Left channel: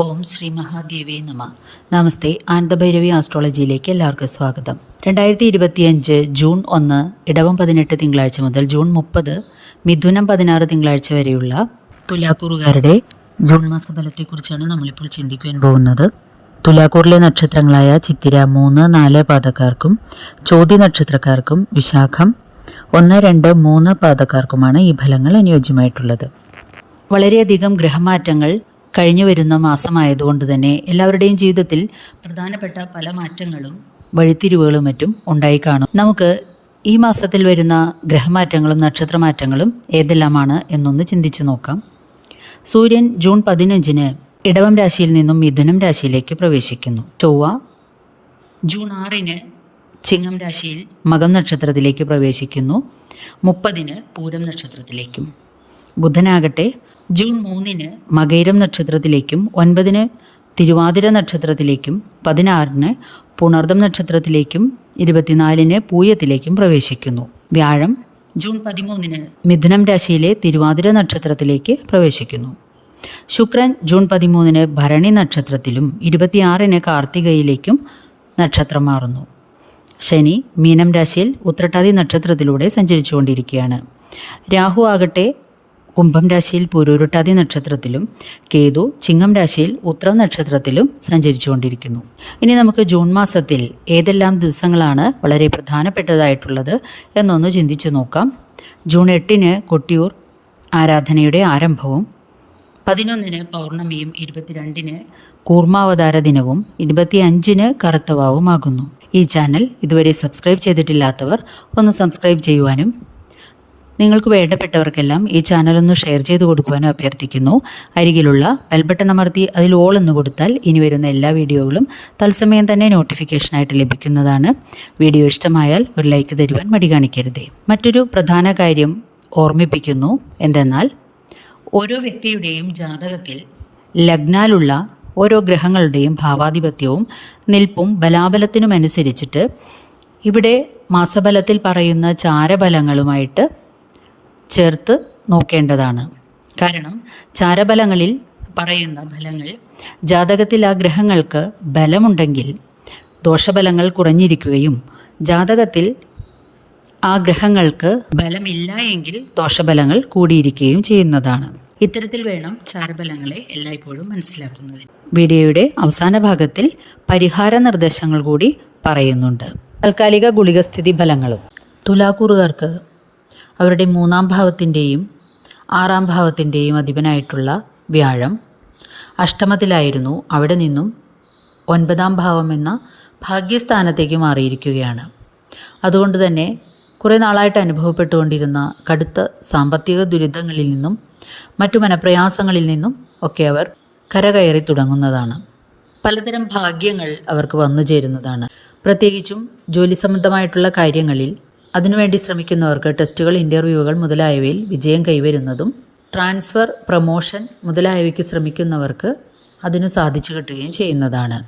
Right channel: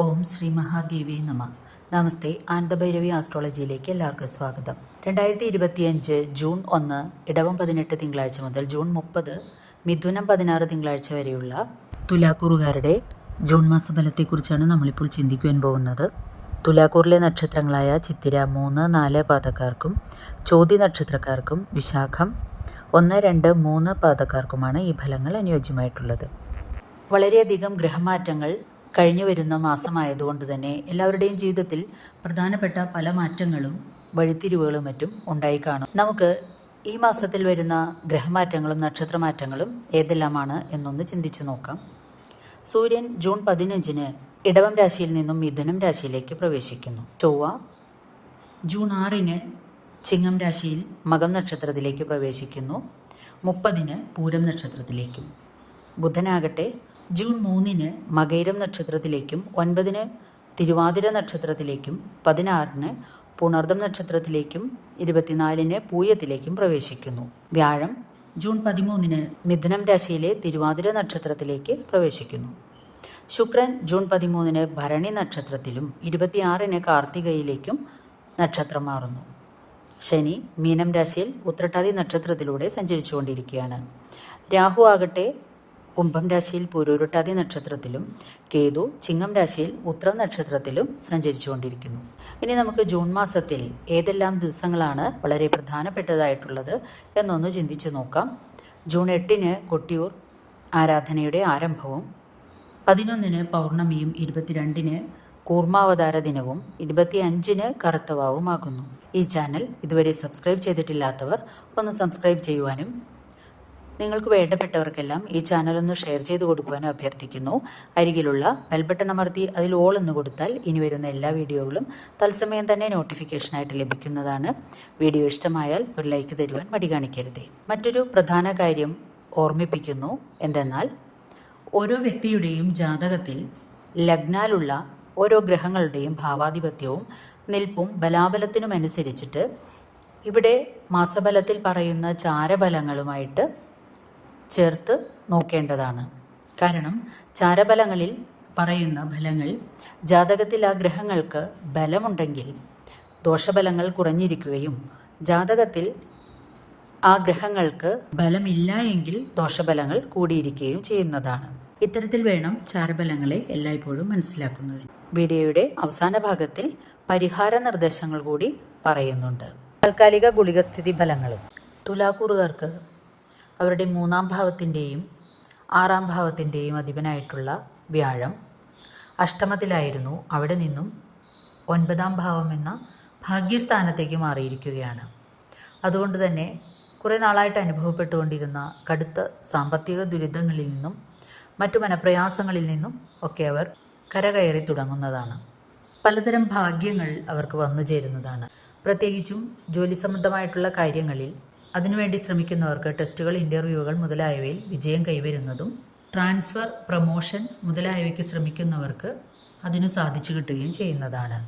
ഓം ശ്രീ മഹാദേവേ നമ. നമസ്തേ ആനന്ദഭൈരവി ആസ്ട്രോളജിയിലേക്ക് എല്ലാവർക്കും സ്വാഗതം. രണ്ടായിരത്തി ഇരുപത്തിയഞ്ച് ജൂൺ ഒന്ന് ഇടവം പതിനെട്ട് തിങ്കളാഴ്ച മുതൽ ജൂൺ മുപ്പത് മിഥുനം പതിനാറ് തിങ്കളാഴ്ച വരെയുള്ള തുലാക്കൂറുകാരുടെ ജൂൺ മാസഫലത്തെക്കുറിച്ചാണ് നമ്മളിപ്പോൾ ചിന്തിക്കുവാൻ പോകുന്നത്. തുലാക്കൂറിലെ നക്ഷത്രങ്ങളായ ചിത്തിര മൂന്ന് നാല് പാതക്കാർക്കും ചോതി നക്ഷത്രക്കാർക്കും വിശാഖം ഒന്ന് രണ്ട് മൂന്ന് പാതക്കാർക്കുമാണ് ഈ ഫലങ്ങൾ അനുയോജ്യമായിട്ടുള്ളത്. വളരെയധികം ഗ്രഹമാറ്റങ്ങൾ കഴിഞ്ഞു വരുന്ന മാസമായതുകൊണ്ട് തന്നെ എല്ലാവരുടെയും ജീവിതത്തിൽ പ്രധാനപ്പെട്ട പല മാറ്റങ്ങളും വഴിത്തിരിവുകളും മറ്റും ഉണ്ടായി കാണും. നമുക്ക് ഈ മാസത്തിൽ വരുന്ന ഗ്രഹമാറ്റങ്ങളും നക്ഷത്രമാറ്റങ്ങളും ഏതെല്ലാമാണ് എന്നൊന്ന് ചിന്തിച്ചു നോക്കാം. സൂര്യൻ ജൂൺ പതിനഞ്ചിന് ഇടവം രാശിയിൽ നിന്നും മിഥുനം രാശിയിലേക്ക് പ്രവേശിക്കുന്നു. ചൊവ്വ ജൂൺ ആറിന് ചിങ്ങം രാശിയിൽ മകം നക്ഷത്രത്തിലേക്ക് പ്രവേശിക്കുന്നു. മുപ്പതിന് പൂരം നക്ഷത്രത്തിലേക്കും. ബുധനാകട്ടെ ജൂൺ മൂന്നിന് മകൈരം നക്ഷത്രത്തിലേക്കും ഒൻപതിന് തിരുവാതിര നക്ഷത്രത്തിലേക്കും പതിനാറിന് പുണർദം നക്ഷത്രത്തിലേക്കും ഇരുപത്തിനാലിന് പൂയത്തിലേക്കും പ്രവേശിക്കുന്നു. വ്യാഴം ജൂൺ പതിമൂന്നിന് മിഥുനം രാശിയിലെ തിരുവാതിര നക്ഷത്രത്തിലേക്ക് പ്രവേശിക്കുന്നു. ശുക്രൻ ജൂൺ പതിമൂന്നിന് ഭരണി നക്ഷത്രത്തിലും ഇരുപത്തിയാറിന് കാർത്തികയിലേക്കും നക്ഷത്രം മാറുന്നു. ശനി മീനം രാശിയിൽ ഉത്രട്ടാതി നക്ഷത്രത്തിലൂടെ സഞ്ചരിച്ചുകൊണ്ടിരിക്കുകയാണ്. രാഹു ആകട്ടെ കുംഭം രാശിയിൽ പുരൂരുട്ടാതി നക്ഷത്രത്തിലും കേതു ചിങ്ങം രാശിയിൽ ഉത്രം നക്ഷത്രത്തിലും സഞ്ചരിച്ചുകൊണ്ടിരിക്കുന്നു. ഇനി നമുക്ക് ജൂൺ മാസത്തിൽ ഏതെല്ലാം ദിവസങ്ങളാണ് വളരെ പ്രധാനപ്പെട്ടതായിട്ടുള്ളത് എന്നൊന്ന് ചിന്തിച്ചു നോക്കാം. ജൂൺ എട്ടിന് കൊട്ടിയൂർ ആരാധനയുടെ ആരംഭവും പതിനൊന്നിന് പൗർണമിയും ഇരുപത്തിരണ്ടിന് കൂർമാവതാര ദിനവും ഇരുപത്തിയഞ്ചിന് കറുത്തവാവുമാകുന്നു. ഈ ചാനൽ ഇതുവരെ സബ്സ്ക്രൈബ് ചെയ്തിട്ടില്ലാത്തവർ ഒന്ന് സബ്സ്ക്രൈബ് ചെയ്യുവാനും നിങ്ങൾക്ക് വേണ്ടപ്പെട്ടവർക്കെല്ലാം ഈ ചാനലൊന്ന് ഷെയർ ചെയ്ത് കൊടുക്കുവാനും അഭ്യർത്ഥിക്കുന്നു. അരികിലുള്ള ബെൽബട്ടൺ അമർത്തി അതിൽ ഓൾ എന്ന് കൊടുത്താൽ ഇനി വരുന്ന എല്ലാ വീഡിയോകളും തത്സമയം തന്നെ നോട്ടിഫിക്കേഷനായിട്ട് ലഭിക്കുന്നതാണ്. വീഡിയോ ഇഷ്ടമായാൽ ഒരു ലൈക്ക് തരുവാൻ മടി കാണിക്കരുതേ. മറ്റൊരു പ്രധാന കാര്യം ഓർമ്മിപ്പിക്കുന്നു. എന്തെന്നാൽ ഓരോ വ്യക്തിയുടെയും ജാതകത്തിൽ ലഗ്നാലുള്ള ഓരോ ഗ്രഹങ്ങളുടെയും ഭാവാധിപത്യവും നിൽപ്പും ബലാബലത്തിനുമനുസരിച്ചിട്ട് ഇവിടെ മാസബലത്തിൽ പറയുന്ന ചാരബലങ്ങളുമായിട്ട് ചേർത്ത് നോക്കേണ്ടതാണ്. കാരണം ചാരബലങ്ങളിൽ പറയുന്ന ഫലങ്ങൾ ജാതകത്തിൽ ആ ഗ്രഹങ്ങൾക്ക് ബലമുണ്ടെങ്കിൽ ദോഷബലങ്ങൾ കുറഞ്ഞിരിക്കുകയും ജാതകത്തിൽ ആ ഗ്രഹങ്ങൾക്ക് ബലമില്ല എങ്കിൽ ദോഷബലങ്ങൾ കൂടിയിരിക്കുകയും ചെയ്യുന്നതാണ്. ഇത്തരത്തിൽ വേണം ചാരബലങ്ങളെ എല്ലായ്പ്പോഴും മനസ്സിലാക്കുന്നതിന് വീഡിയോയുടെ അവസാന ഭാഗത്തിൽ പരിഹാര നിർദ്ദേശങ്ങൾ കൂടി പറയുന്നുണ്ട്. താൽക്കാലിക ഗുളികസ്ഥിതി ഫലങ്ങളും. തുലാക്കൂറുകാർക്ക് അവരുടെ മൂന്നാം ഭാവത്തിന്റെയും ആറാം ഭാവത്തിന്റെയും അധിപനായിട്ടുള്ള വ്യാഴം. അഷ്ടമത്തിലായിരുന്നു അവിടെ നിന്നും ഒൻപതാം ഭാവം എന്ന ഭാഗ്യസ്ഥാനത്തേക്ക് മാറിയിരിക്കുകയാണ്. അതുകൊണ്ട് തന്നെ കുറേ നാളായിട്ട് അനുഭവപ്പെട്ടുകൊണ്ടിരുന്ന കടുത്ത സാമ്പത്തിക ദുരിതങ്ങളിൽ നിന്നും മറ്റു മനപ്രയാസങ്ങളിൽ നിന്നും ഒക്കെ അവർ കരകയറി തുടങ്ങുന്നതാണ്. പലതരം ഭാഗ്യങ്ങൾ അവർക്ക് വന്നു ചേരുന്നതാണ് പ്രത്യേകിച്ചും ജോലി സംബന്ധമായിട്ടുള്ള കാര്യങ്ങളിൽ അതിനുവേണ്ടി ശ്രമിക്കുന്നവർക്ക് ടെസ്റ്റുകൾ ഇന്റർവ്യൂകൾ മുതലായവയിൽ വിജയം കൈവരുന്നതും ട്രാൻസ്ഫർ പ്രൊമോഷൻ മുതലായവയ്ക്ക് ശ്രമിക്കുന്നവർക്ക് അതിന് സാധിച്ചു കിട്ടുകയും ചെയ്യുന്നതാണ്.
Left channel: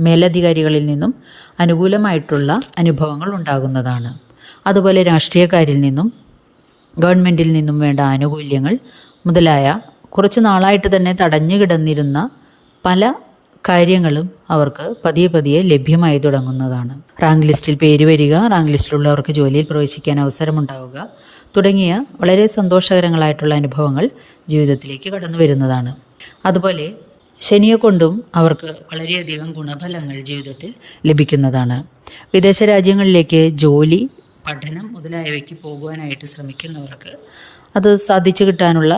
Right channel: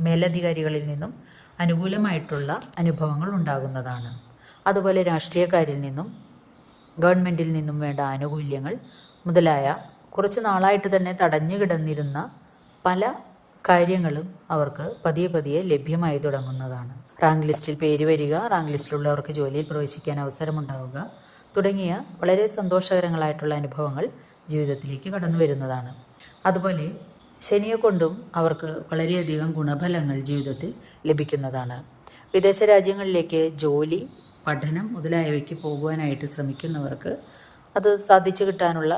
മേലധികാരികളിൽ നിന്നും അനുകൂലമായിട്ടുള്ള അനുഭവങ്ങൾ ഉണ്ടാകുന്നതാണ്. അതുപോലെ രാഷ്ട്രീയക്കാരിൽ നിന്നും ഗവൺമെന്റിൽ നിന്നും വേണ്ട ആനുകൂല്യങ്ങൾ മുതലായ കുറച്ച് നാളായിട്ട് തന്നെ തടഞ്ഞു കിടന്നിരുന്ന പല കാര്യങ്ങളും അവർക്ക് പതിയെ പതിയെ ലഭ്യമായി തുടങ്ങുന്നതാണ്. റാങ്ക് ലിസ്റ്റിൽ പേര് വരിക റാങ്ക് ലിസ്റ്റിലുള്ളവർക്ക് ജോലിയിൽ പ്രവേശിക്കാൻ അവസരമുണ്ടാവുക തുടങ്ങിയ വളരെ സന്തോഷകരങ്ങളായിട്ടുള്ള അനുഭവങ്ങൾ ജീവിതത്തിലേക്ക് കടന്നു വരുന്നതാണ്. അതുപോലെ ശനിയെ കൊണ്ടും അവർക്ക് വളരെയധികം ഗുണഫലങ്ങൾ ജീവിതത്തിൽ ലഭിക്കുന്നതാണ്. വിദേശ രാജ്യങ്ങളിലേക്ക് ജോലി പഠനം മുതലായവയ്ക്ക് പോകുവാനായിട്ട് ശ്രമിക്കുന്നവർക്ക് അത് സാധിച്ചു കിട്ടാനുള്ള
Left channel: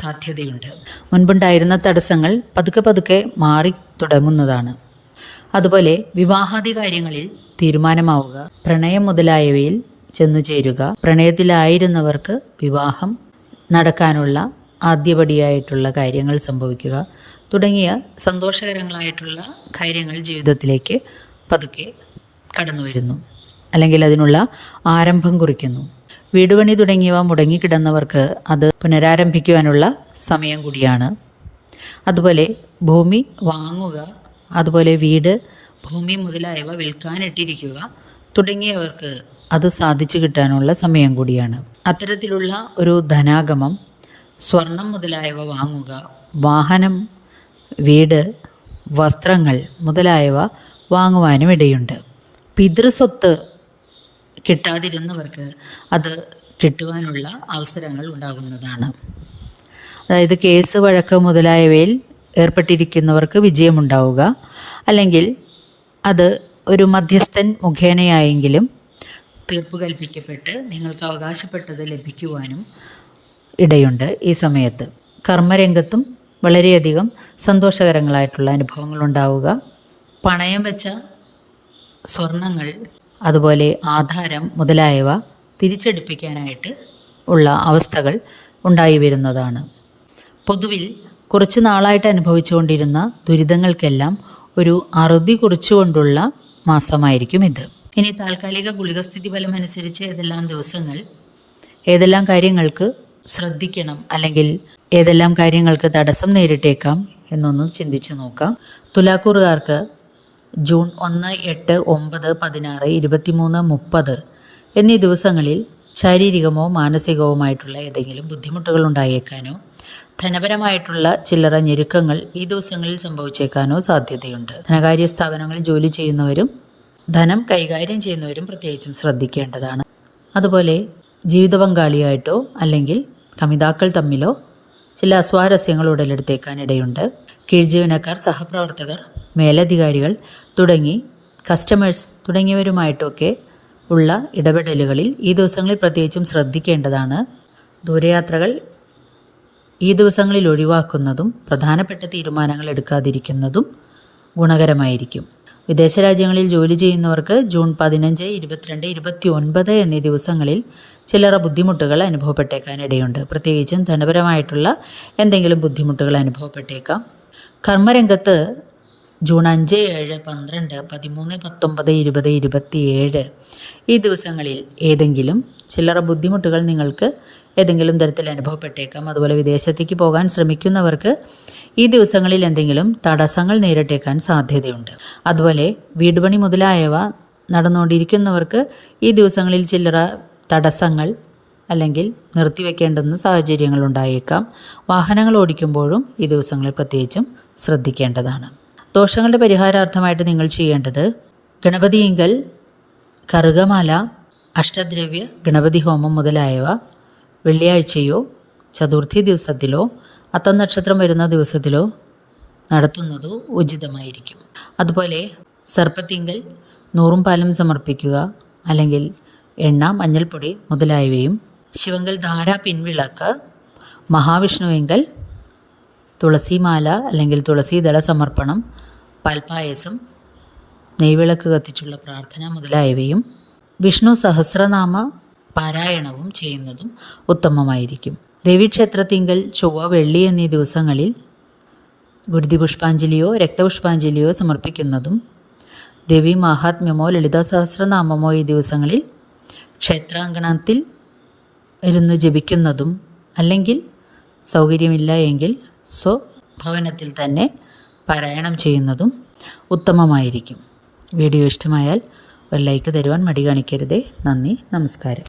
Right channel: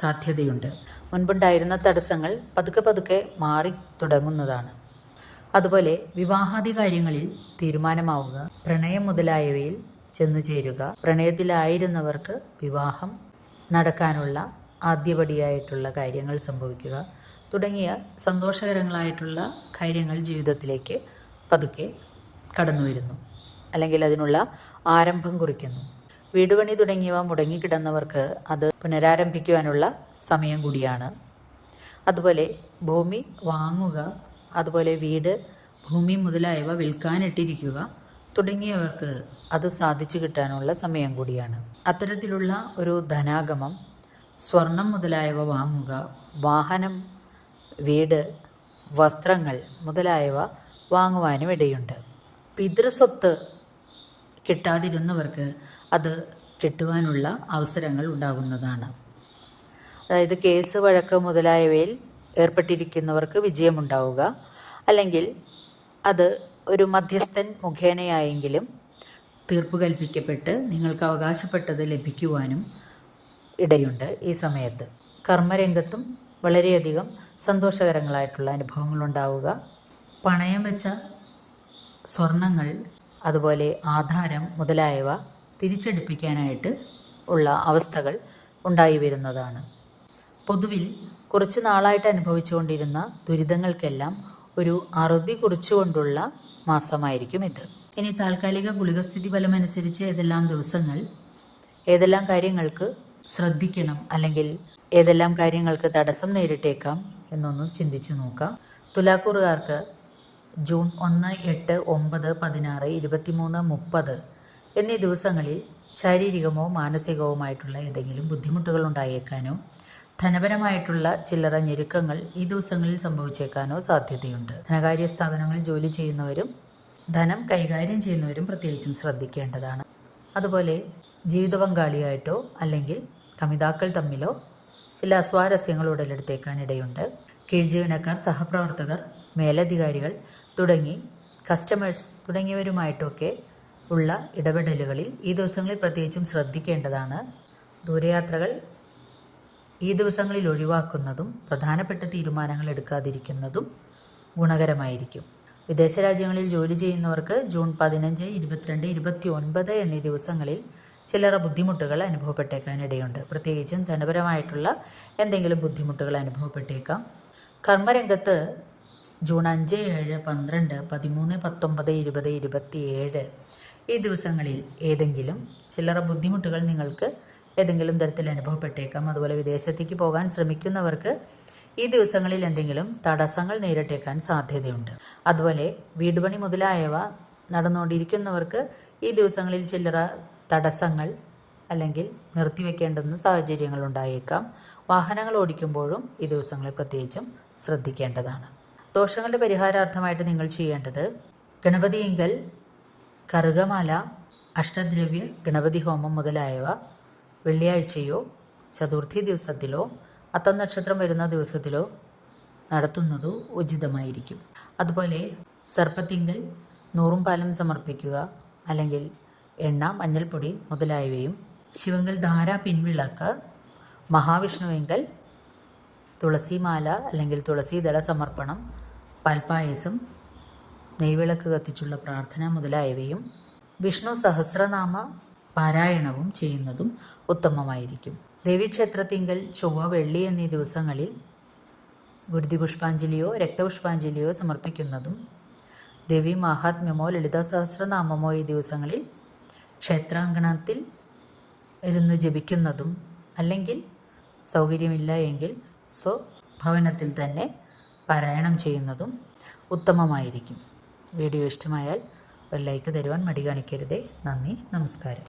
സാധ്യതയുണ്ട്. മുൻപുണ്ടായിരുന്ന തടസ്സങ്ങൾ പതുക്കെ പതുക്കെ മാറി തുടങ്ങുന്നതാണ്. അതുപോലെ വിവാഹാദി കാര്യങ്ങളിൽ തീരുമാനമാവുക പ്രണയം മുതലായവയിൽ ചെന്നു ചേരുക പ്രണയത്തിലായിരുന്നവർക്ക് വിവാഹം നടക്കാനുള്ള ആദ്യപടിയായിട്ടുള്ള കാര്യങ്ങൾ സംഭവിക്കുക തുടങ്ങിയ സന്തോഷകരങ്ങളായിട്ടുള്ള കാര്യങ്ങൾ ജീവിതത്തിലേക്ക് പതുക്കെ കടന്നു വരുന്നു അല്ലെങ്കിൽ അതിനുള്ള ആരംഭം കുറിക്കുന്നു. വീടുപണി തുടങ്ങിയവ മുടങ്ങിക്കിടന്നവർക്ക് അത് പുനരാരംഭിക്കുവാനുള്ള സമയം കൂടിയാണ്. അതുപോലെ ഭൂമി വാങ്ങുക അതുപോലെ വീട് ഭൂമി മുതലായവ വിൽക്കാനിട്ടിരിക്കുക തുടങ്ങിയവർക്ക് അത് സാധിച്ചു കിട്ടാനുള്ള സമയം കൂടിയാണ്. അത്തരത്തിലുള്ള ഒരു ധനാഗമം സ്വർണം മുതലായവ വാങ്ങുക വാഹനം വീട് വസ്ത്രങ്ങൾ മുതലായവ വാങ്ങുവാനും ഇടയുണ്ട് പിതൃസ്വത്ത് കിട്ടാതിരുന്നവർക്ക് അത് കിട്ടുവാനുള്ള അവസരങ്ങൾ ഉണ്ടാകുന്നതാണ്. അതായത് കേസ് വഴക്ക് മുതലായവയിൽ ഏർപ്പെട്ടിരിക്കുന്നവർക്ക് വിജയമുണ്ടാവുക. അല്ലെങ്കിൽ അത് ഒരു മധ്യസ്ഥൻ മുഖേനയായെങ്കിലും തീർപ്പ് കൽപ്പിക്കപ്പെട്ട് നിങ്ങൾക്ക് അവകാശപ്പെട്ടത് ലഭിക്കുവാനും ഇടയുണ്ട് ഈ സമയത്ത്. കർമ്മരംഗത്തും വളരെയധികം സന്തോഷകരങ്ങളായിട്ടുള്ള അനുഭവങ്ങൾ ഉണ്ടാവുക പണയം വെച്ച സ്വർണങ്ങൾ അതുപോലെ ആധാരം മുതലായവ തിരിച്ചെടുപ്പിക്കാനായിട്ട് ഉള്ള അവസ്ഥകൾ ഉണ്ടായി വരുന്നതാണ്. പൊതുവിൽ കുറച്ച് നാളായിട്ട് അനുഭവിച്ചുകൊണ്ടിരുന്ന ദുരിതങ്ങൾക്കെല്ലാം ഒരു അറുതി കുറിച്ചുകൊണ്ടുള്ള മാസമായിരിക്കും ഇത്. ഇനി താൽക്കാലിക ഗുളികസ്ഥിതി ഫലം അനുസരിച്ച് ഏതെല്ലാം ദിവസങ്ങൾ ഏതെല്ലാം കാര്യങ്ങൾക്ക് ശ്രദ്ധിക്കണം അല്ലെങ്കിൽ ഏതെല്ലാം കാര്യങ്ങൾക്ക് തടസ്സം നേരിട്ടേക്കാം എന്നൊന്ന് ചിന്തിച്ചു നോക്കാം. തുലാക്കൂറുകാർക്ക് ജൂൺ ഒന്ന് എട്ട് ഒമ്പത് പതിനാറ് ഇരുപത്തിമൂന്ന് മുപ്പത് എന്നീ ദിവസങ്ങളിൽ ശാരീരികമോ മാനസികവുമായിട്ടുള്ള ഏതെങ്കിലും ബുദ്ധിമുട്ടുകൾ ഉണ്ടായേക്കാനോ ധനപരമായിട്ടുള്ള ചില്ലറ ഞെരുക്കങ്ങൾ ഈ ദിവസങ്ങളിൽ സംഭവിച്ചേക്കാനോ സാധ്യതയുണ്ട്. ധനകാര്യ സ്ഥാപനങ്ങളിൽ ജോലി ചെയ്യുന്നവരും ധനം കൈകാര്യം ചെയ്യുന്നവരും പ്രത്യേകിച്ചും ശ്രദ്ധിക്കേണ്ടതാണ്. അതുപോലെ ജീവിത പങ്കാളിയായിട്ടോ അല്ലെങ്കിൽ കമിതാക്കൾ തമ്മിലോ ചില അസ്വാരസ്യങ്ങൾ ഉടലെടുത്തേക്കാനിടയുണ്ട് കീഴ്ജീവനക്കാർ സഹപ്രവർത്തകർ മേലധികാരികൾ തുടങ്ങി കസ്റ്റമേഴ്സ് തുടങ്ങിയവരുമായിട്ടൊക്കെ ഉള്ള ഇടപെടലുകളിൽ ഈ ദിവസങ്ങളിൽ പ്രത്യേകിച്ചും ശ്രദ്ധിക്കേണ്ടതാണ്. ദൂരയാത്രകൾ ഈ ദിവസങ്ങളിൽ ഒഴിവാക്കുന്നതും പ്രധാനപ്പെട്ട തീരുമാനങ്ങൾ എടുക്കാതിരിക്കുന്നതും ഗുണകരമായിരിക്കും. വിദേശ രാജ്യങ്ങളിൽ ജോലി ചെയ്യുന്നവർക്ക് ജൂൺ പതിനഞ്ച് ഇരുപത്തിരണ്ട് ഇരുപത്തി ഒൻപത് എന്നീ ദിവസങ്ങളിൽ ചില്ലറ ബുദ്ധിമുട്ടുകൾ അനുഭവപ്പെട്ടേക്കാനിടയുണ്ട്. പ്രത്യേകിച്ചും ധനപരമായിട്ടുള്ള എന്തെങ്കിലും ബുദ്ധിമുട്ടുകൾ അനുഭവപ്പെട്ടേക്കാം. കർമ്മരംഗത്ത് ജൂൺ അഞ്ച് ഏഴ് പന്ത്രണ്ട് പതിമൂന്ന് പത്തൊമ്പത് ഇരുപത് ഇരുപത്തിയേഴ് ഈ ദിവസങ്ങളിൽ ഏതെങ്കിലും ചില്ലറ ബുദ്ധിമുട്ടുകൾ നിങ്ങൾക്ക് ഏതെങ്കിലും തരത്തിൽ അനുഭവപ്പെട്ടേക്കാം. അതുപോലെ വിദേശത്തേക്ക് പോകാൻ ശ്രമിക്കുന്നവർക്ക് ഈ ദിവസങ്ങളിൽ എന്തെങ്കിലും തടസ്സങ്ങൾ നേരിട്ടേക്കാൻ സാധ്യതയുണ്ട്. അതുപോലെ വീടുപണി മുതലായവ നടന്നുകൊണ്ടിരിക്കുന്നവർക്ക് ഈ ദിവസങ്ങളിൽ ചില്ലറ തടസ്സങ്ങൾ അല്ലെങ്കിൽ നിർത്തിവെക്കേണ്ടുന്ന സാഹചര്യങ്ങൾ ഉണ്ടായേക്കാം. വാഹനങ്ങൾ ഓടിക്കുമ്പോഴും ഈ ദിവസങ്ങളിൽ പ്രത്യേകിച്ചും ശ്രദ്ധിക്കേണ്ടതാണ്. ദോഷങ്ങളുടെ പരിഹാരാർത്ഥമായിട്ട് നിങ്ങൾ ചെയ്യേണ്ടത് ഗണപതിയിങ്കൽ കറുകമാല അഷ്ടദ്രവ്യ ഗണപതി ഹോമം മുതലായവ വെള്ളിയാഴ്ചയോ ചതുർത്ഥി ദിവസത്തിലോ അത്തം നക്ഷത്രം വരുന്ന ദിവസത്തിലോ നടത്തുന്നതോ ഉചിതമായിരിക്കും. അതുപോലെ സർപ്പത്തിങ്കൽ നൂറും പാലും സമർപ്പിക്കുക അല്ലെങ്കിൽ എണ്ണ മഞ്ഞൾപ്പൊടി മുതലായവയും ശിവങ്കൽ ധാര പിൻവിളക്ക് മഹാവിഷ്ണുവെങ്കൽ തുളസിമാല അല്ലെങ്കിൽ തുളസീദള സമർപ്പണം പാൽപ്പായസം നെയ്വിളക്ക് കത്തിച്ചുള്ള പ്രാർത്ഥന മുതലായവയും വിഷ്ണു സഹസ്രനാമ പാരായണവും ചെയ്യുന്നതും ഉത്തമമായിരിക്കും. ദേവീക്ഷേത്രത്തിങ്കൽ ചൊവ്വ വെള്ളി എന്നീ ദിവസങ്ങളിൽ ഗുരുതി പുഷ്പാഞ്ജലിയോ രക്തപുഷ്പാഞ്ജലിയോ സമർപ്പിക്കുന്നതും ദേവി മഹാത്മ്യമോ ലളിതാ സഹസ്രനാമമോ ഈ ദിവസങ്ങളിൽ ക്ഷേത്രാങ്കണത്തിൽ ഇരുന്ന് ജപിക്കുന്നതും അല്ലെങ്കിൽ സൗകര്യമില്ല എങ്കിൽ സ്വഭവനത്തിൽ തന്നെ പാരായണം ചെയ്യുന്നതും ഉത്തമമായിരിക്കും. വീഡിയോ ഇഷ്ടമായാൽ ഒരു ലൈക്ക് തരുവാൻ മടി കാണിക്കരുതേ. നന്ദി നമസ്കാരം.